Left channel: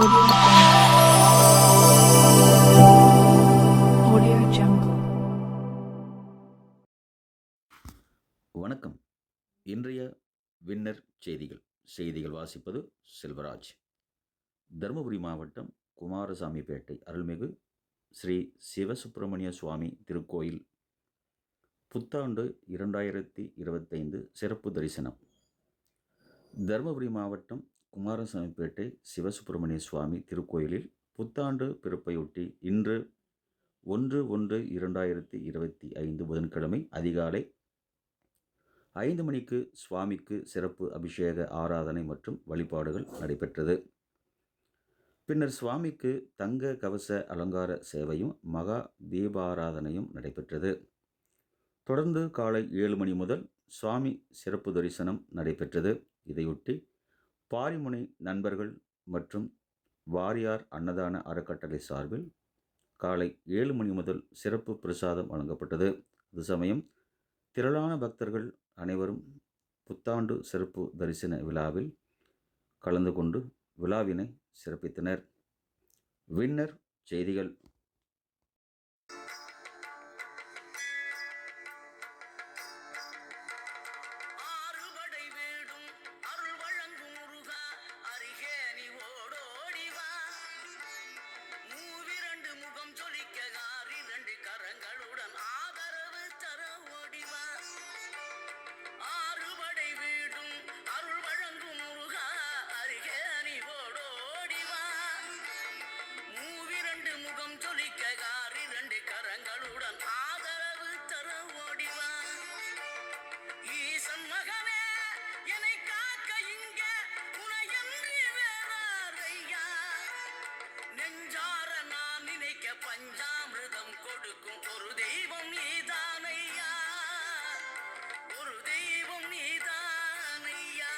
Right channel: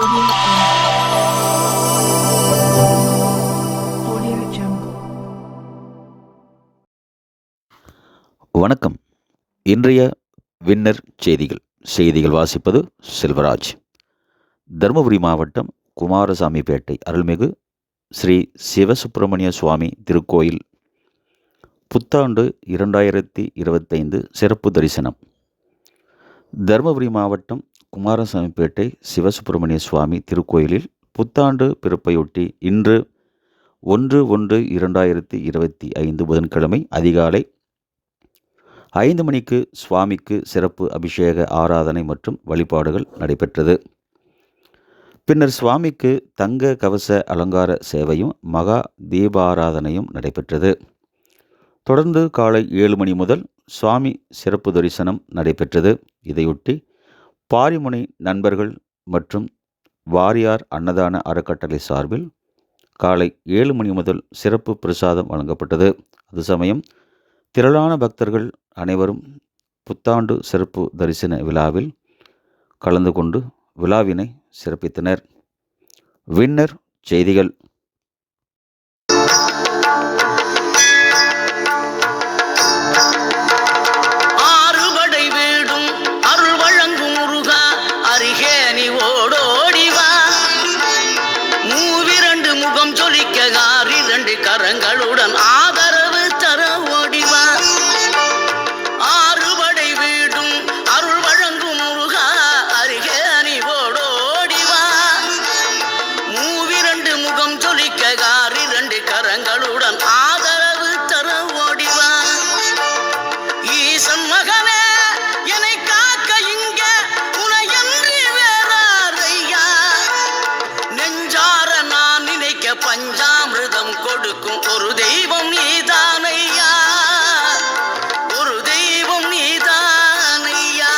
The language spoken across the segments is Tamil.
Audio Jungle. வணக்கம். இன்றைய வின்னர் செய்திகள் வாசிப்பது செல்வராஜ். தருமபுரி மாவட்டம் குமாரசாமிப்பேட்டை அருள்மிகு ஸ்ரீ சிவசுப்பிரமணிய சுவாமி திருக்கோயில் புத்தாண்டு 2025 சிறப்பு தரிசனம். தருமபுரி மாவட்டம் குமாரசாமிப்பேட்டை சிவசுப்பிரமணிய சுவாமி திருக்கோயிலில் புத்தாண்டு பிறப்பையொட்டி இன்று 1/1/2025 புதன்கிழமை அதிகாலை 5 மணிக்கு சுவாமிக்கு சிறப்பு அபிஷேக ஆராதனை மற்றும் வழிபாடுகள் நடைபெற்றது. பின்னர் சுவாமிக்கு தங்க கவச அலங்கார சேவையும் மகா தீபாராதனையும் நடைபெற்றது. தொடர்ந்து காலை 7 மணி முதல் சுவாமி சிறப்பு தரிசனம் நடைபெற்றது. இதையொட்டி பாரிமுனை நண்பர்கள் மற்றும் வாரியார் அன்னதான அறக்கட்டளை சார்பில் காலை 7 மணி முதல் சிறப்பு பிரசாதம் வழங்கப்பட்டது. அது சமயம் திரளான பக்தர்கள் அனைவரும் புத்தாண்டு சிறப்பு தரிசன விழாவில் கலந்து கொண்டு விழாவினை சிறப்பித்தனர். வின்னர் செய்திகள். கரங்களுடன் ஆதரவு தர ஓடிவா. ஆறுபடை வீடும் அருள் வழங்கும் முருகா அருகே அணிவோடோடிவா. மூவிரண்டு முகம் ஜொலிக்க காரிரண்டு கரங்களுடன் ஆதரவு தர ஓடிவா. ஈசன் மகனே என்னை காக்க இங்க உனையன்றி வேறாரையா. நெஞ்சார நான் நினைக்க பஞ்சாமிர்தம் கொடுக்கும் ஒரு தெய்வம் நீதானையா. ஒரு தெய்வம் நீதானையா.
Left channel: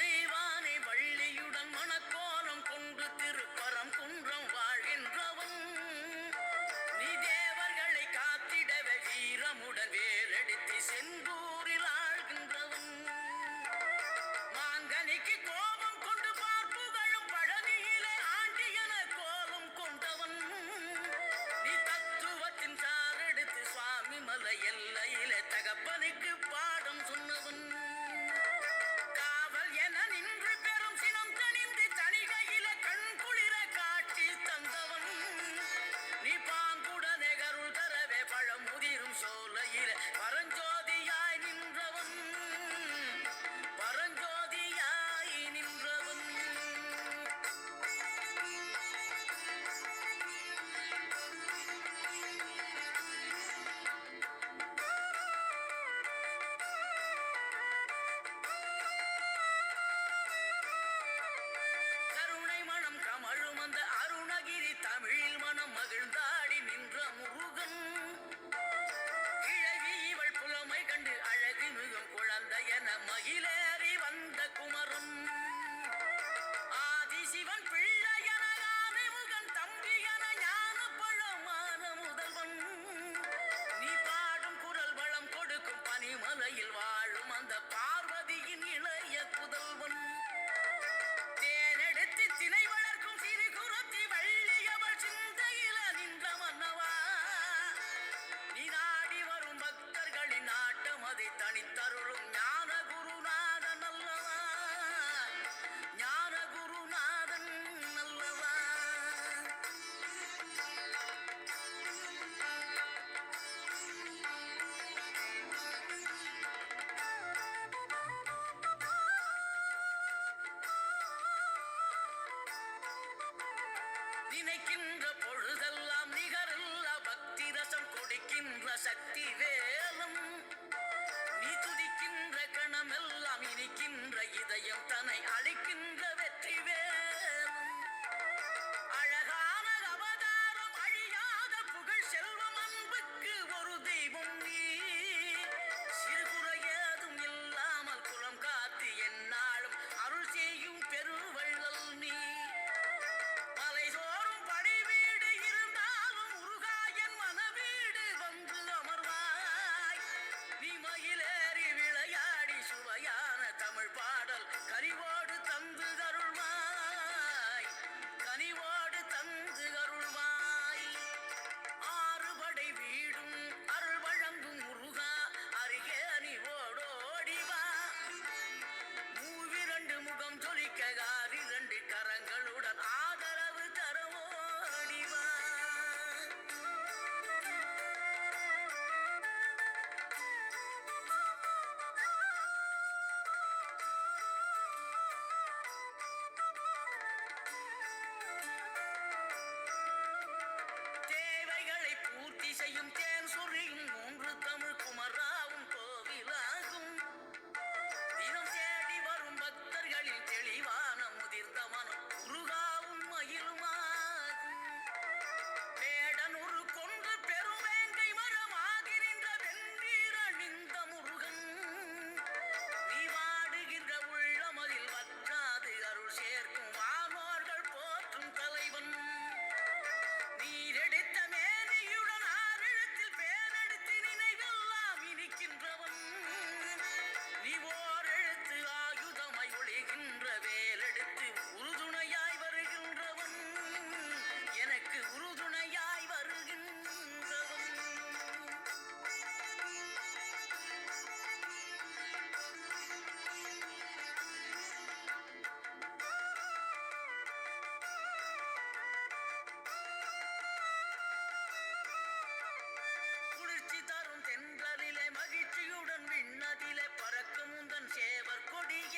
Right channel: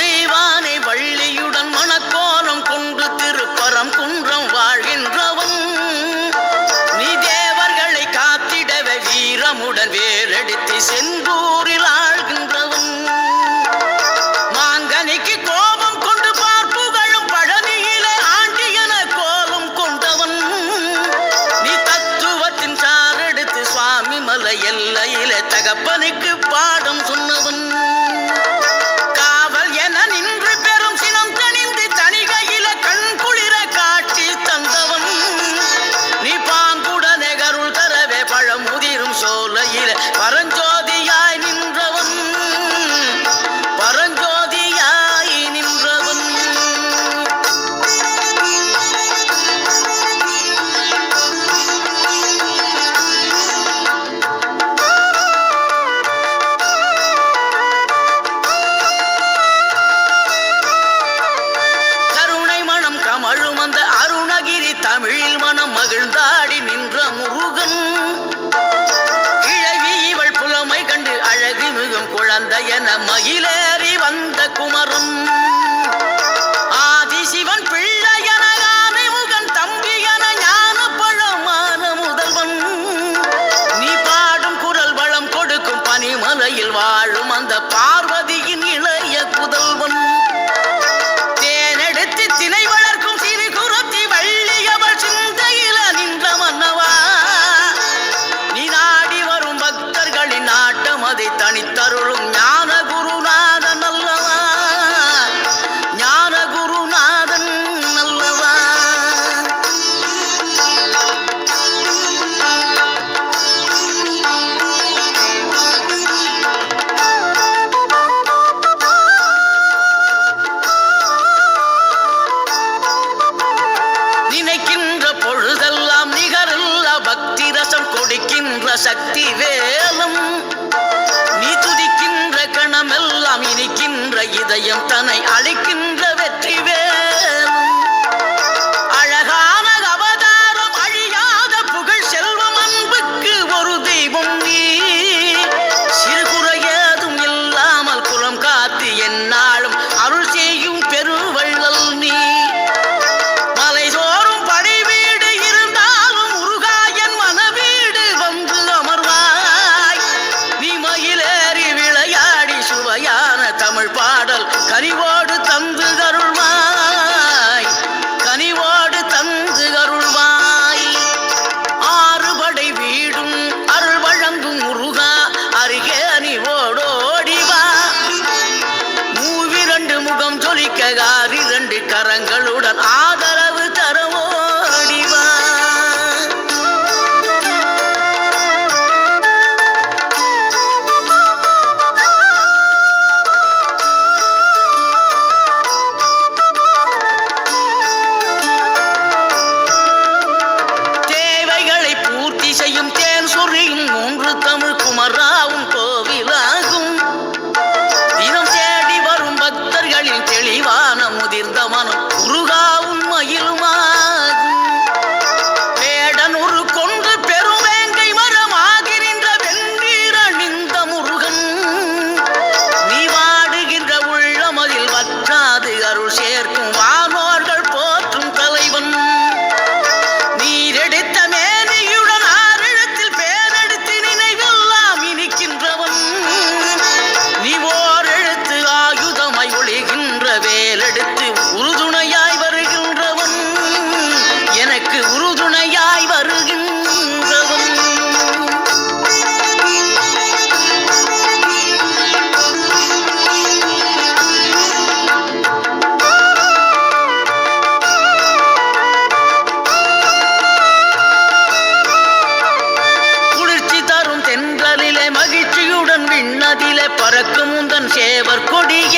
தெய்வானை வள்ளியுடன் மணக்கோலம் கொண்டு திருப்பரம் குன்றம் வாழ்கின்றவன். வீரமுடன் வேலெடுத்து செந்தூரில் ஆழ்கின்றவன். மாங்கனிக்கு கோபம் கொண்டு பார்ப்புகளும் பழனியிலே ஆண்டியன கோலம் கொண்டவன். நீ தத்துவத்தின் சாரெடுத்து சுவாமி மலை எல்லையிலே தகப்பனுக்கு பாடம் சொன்னவன். காவல் என நின்று பெரும் சினம் தணிந்து தனிகையில கண் குளிர காட்சி தந்தவன். நீ பாங்குடனே கருள் தரவே பழமுதிரும் சோலையில பரஞ்சோதியாய் நின்றவன். பரஞ்சோதியாய் நின்றவன். கருணை மனம் கமழும் அந்த அருணகிரி தமிழில் மனம் மகிழ்ந்தாடி நின்ற முருகன். கண்டு அழகு மிகும் குழந்தை என மகிழேறி வந்த குமரன். ஆதிசிவன் பிள்ளை என முகன் தம்பி என ஞான பழமான முதல்வன். நீ பாடும் குரல் வளம் கொடுக்கும் பனிமலையில் வாழும் அந்த பார்வதியின் இளைய புதல்வன். தேனெடுத்து திணை வளர்க்கும் சிறு குரத்தி வள்ளியவள் சிந்தையில நின்ற மன்னவா. நீ நாடி வரும் பக்தர்களின் நாட்டம் அதை தனித்தருளும் ஞான குருநாதன் அல்லவா. ஞான குருநாதன் அல்லவா. நினைக்கின்ற பொழுதெல்லாம் நிகரில்லா பக்தி ரசம் கொடுக்கின்ற சக்தி வேலம். நீ துதிக்கின்ற கணமெல்லாம் இனிக்கின்ற இதயம் தன்னை அழிக்கின்ற வெற்றி வேலம். அழகான அவதாரம் அழியாத புகழ் செல்வம் அன்புக்கு ஒரு தெய்வம் நீ. சிறுகுறையதும் இல்லாமல் குலம் காத்து எந்நாளும் அருள் செய்யும் பெருவள்ளல் நீ. ஏற்கும் வானோர்கள் போற்றும் தலைவன். நீரெடுத்த மேனியுடன் ஆறிடத்தில் பேரெடுத்து நினைவெல்லாம் இனிக்கின்றவன். நீ ஓரெழுத்து ஆயுதமாய் ஒளிகின்ற வேலெடுத்து உறுதுணையாய் வருகின்றவன். எனக்கு உறுதுணையாய் வருகின்றவன். குளிர்ச்சி தரும் தென்றலிலே மகிழ்ச்சியுடன் விண்ணதிலே பறக்கும் உந்தன் சேவர் கொடிய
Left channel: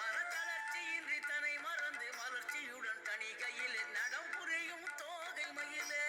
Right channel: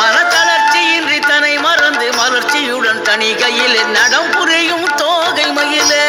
மனத்தளர்ச்சியின்றி தன்னை மறந்து மலர்ச்சியுடன் தனிகையிலே நடம் புரியும் தோகை மயிலே.